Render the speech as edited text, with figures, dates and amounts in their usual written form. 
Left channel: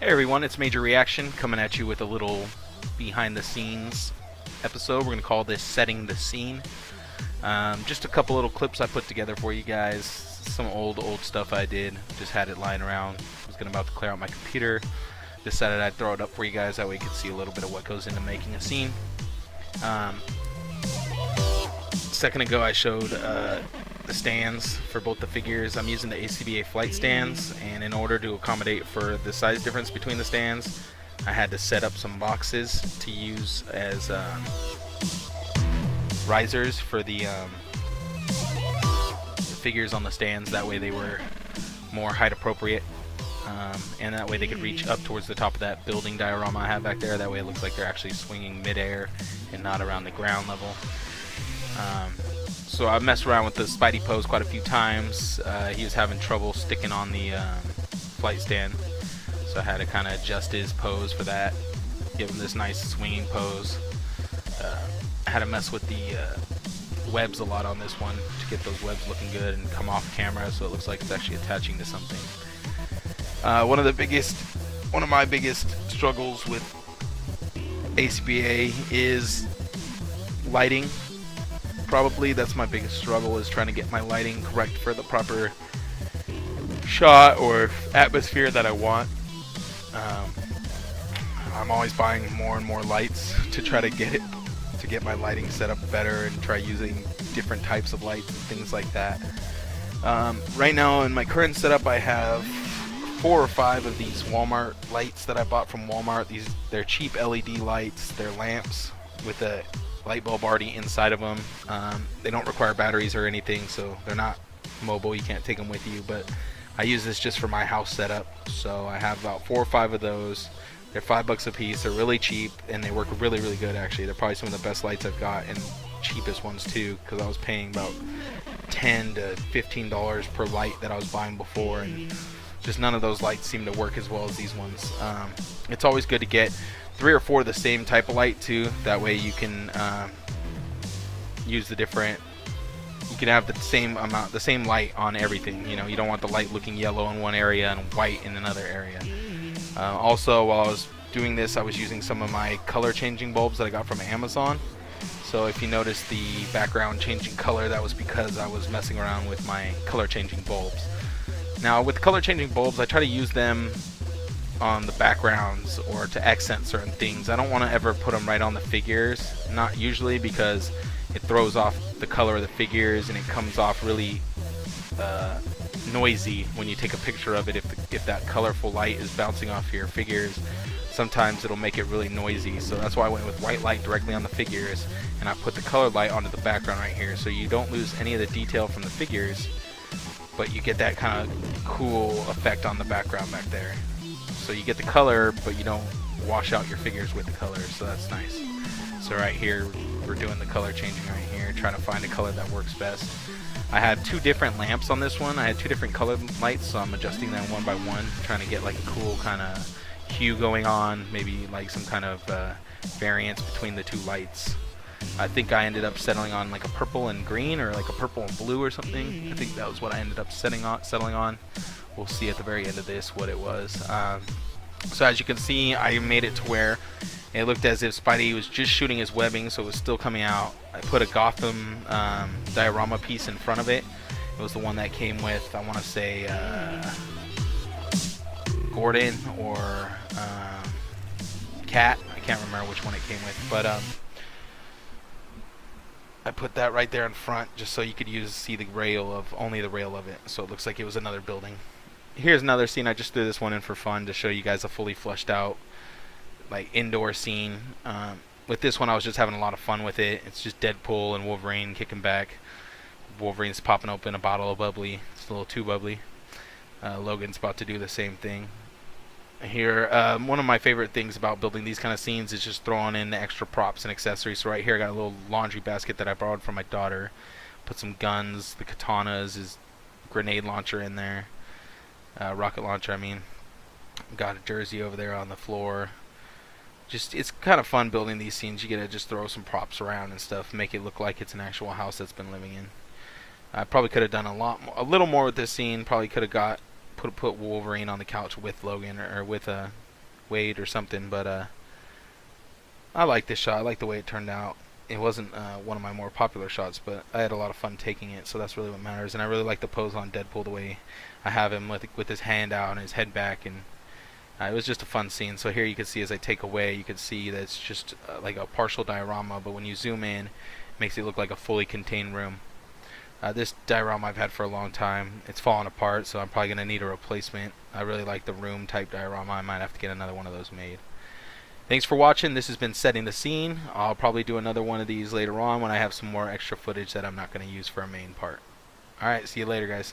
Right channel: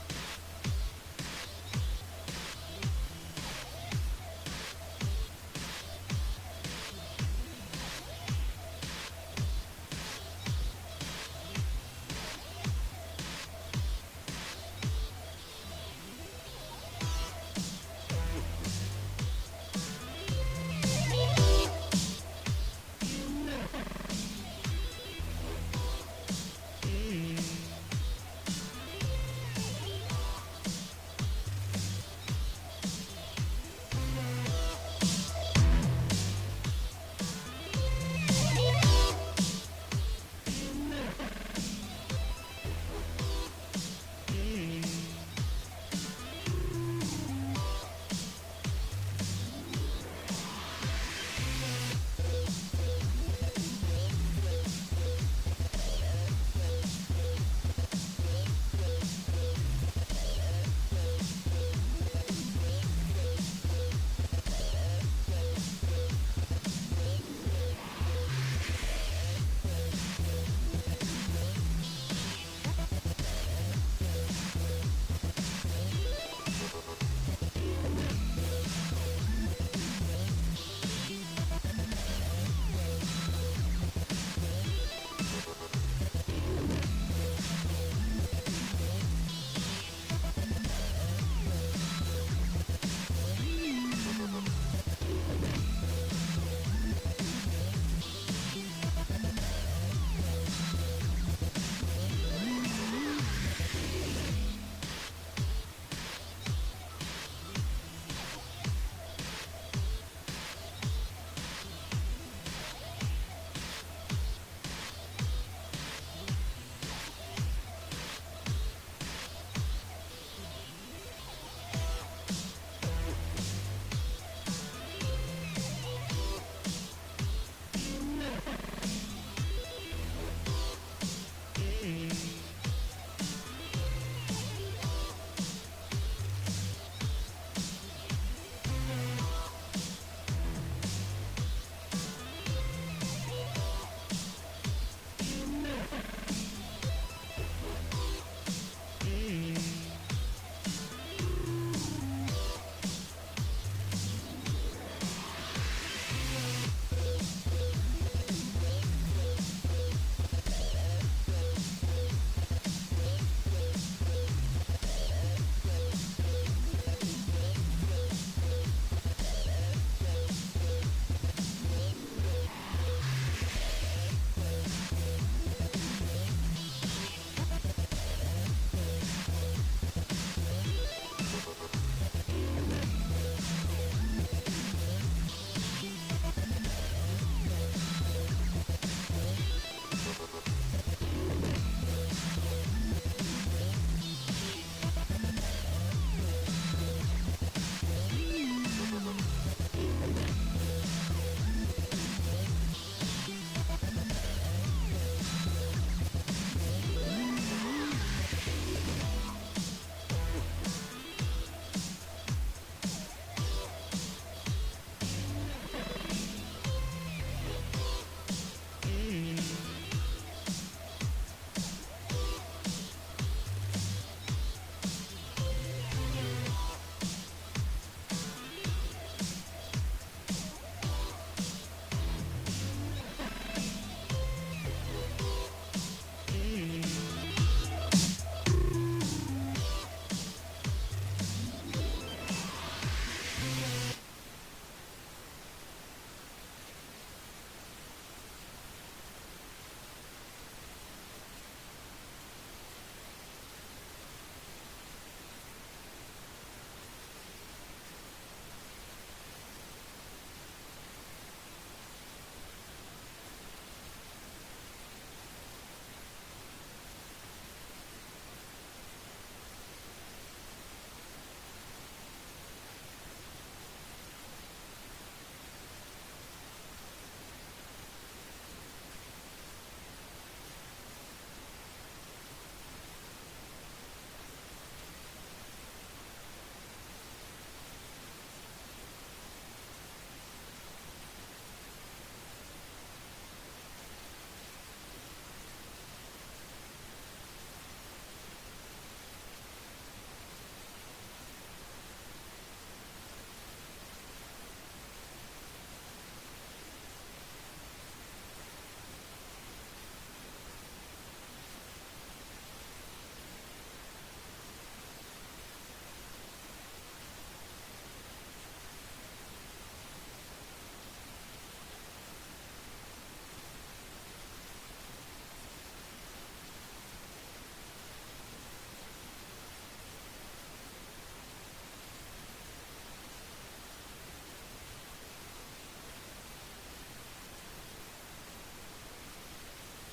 Hey everyone, it's Major Reaction coming at you with a little behind the scenes episode. We're going to call this Setting the Scene. Just a couple little clips I put together for you guys. Some old stuff I did. Just had it lying around. I was about to clear out my computer. Decided I'd throw it up for you guys. That way you can see a little bit of what goes into making a scene. A second ago I showed the stands for both the figures. I'm using the ACBA flight stands, and in order to accommodate for the size difference between the stands, I had to set up some boxes to use as risers for the figures on the stands. That way they were more height appropriate, and that way they could reach up towards the top of that building diorama I have back there. That way it looks like they're actually swinging midair and not around the ground level. So I messed around with the Spidey pose quite a few times. He was having trouble sticking on the flight stand, so I had to kind of adjust his pose for that, give him this nice swinging pose. I had to mess with the webs a lot on this one to get those webs looking good and come off camera so it looks like it's actually attaching to something. One of my biggest struggles with ACBA is lighting. Probably that's my biggest struggle, is trying to get my lighting correct for the proper shot or atmosphere that I want. I'm always buying more and more lights to try to get my lighting set up better and try using different types of lights and things like that. Right now in my current setup I have 4 or 5 of these Walmart lights that I bought from Walmart. They're cheap LED lights. They're lamps with a light bulb already inside of them. They don't require batteries or anything, so they're not mobile. You can't take them with you, but I use this just for my house setup. So I have about 4 or 5 of those. They're $5 a piece. They're really cheap, and they work really good actually. They're probably some of the best lights I've got, and cheapest ones too, because I was paying about $10 to $15 per light that I was buying before, and just none of those lights seem to work as well as these ones. It's always good to get 3 or 4 of the same type of light too. That way you can use the different. You can have the same light on everything. You know, you don't want the light looking yellow in one area and white in another area. Also, while I was doing this, I was using some of my color changing bulbs that I got from Amazon. So if you notice the background changing color, that was because I was messing around with my color changing bulbs. Now with color changing bulbs, I try to use them on the backgrounds or to accent certain things. I don't want to ever put them right on the figures, not usually, because it throws off the color of the figures and it comes off really noisy when you take a picture of it. If that colorful light is bouncing off your figures, sometimes it'll make it really noisy. So that's why I went with white light directly on the figures, and I put the colored light onto the background right here, so you don't lose any of the detail from the figures, but you get that kind of cool effect on the background back there. So you get the color, but you don't wash out your figures with the color, so that's nice. So right here, we're doing the color changing right here, trying to find a color that works best. I had 2 different lamps on this one. I had 2 different colored lights, so I'm adjusting them one by one, trying to get like a cool kind of hue going on, maybe like some kind of variance between the 2 lights. I think I ended up settling on like a purple and green, or like a purple and blue or something. I think that was what I ended up settling on. We'll see at the very end of this what it was. So as you can see, I made it to where it looked as if Spidey was just shooting his webbing, so it was still coming out. I put a Gotham diorama piece in front of it. It was the one that came with, I want to say, Gordon or Cat. I can't remember which one it came with, but I put that right there in front just so you could see the only the rail of it, so it looks like it was another building. Here's another scene. I just threw this one in for fun to show you guys a fully fleshed out like indoor scene. With this one I was just having a lot of fun with it. It's just Deadpool and Wolverine kicking back. Wolverine's popping open a bottle of bubbly. It's a little too bubbly. Logan's about to do the same thing. Here, one of my favorite things about building these kind of scenes is just throwing in the extra props and accessories. So right here I got a little laundry basket that I borrowed from my daughter. Put some guns, the katanas, his grenade launcher in there. Rocket launcher, I mean. Got a jersey over there on the floor. Just, it's kind of fun building these scenes. You get to just throw some props around and stuff, make it look like it's an actual house that's been living in. I probably could have done a little more with this scene. Probably could have put Wolverine on the couch with Logan, or with weight or something, but I like this shot. I like the way it turned out. It wasn't one of my more popular shots, but I had a lot of fun taking it, so that's really what matters. And I really like the pose on Deadpool, the way I have him with his hand out and his head back, and it was just a fun scene. So here you can see as I take away, you can see that it's just like a partial diorama, but when you zoom in, it makes it look like a fully contained room. This diorama I've had for a long time. It's fallen apart, so I'm probably going to need a replacement. I really like the room type diorama. I might have to get another one of those made. Thanks for watching. This has been Setting the Scene. I'll probably do another one of these later on when I have some more extra footage that I'm not going to use for a main part. Alright, see you later, guys.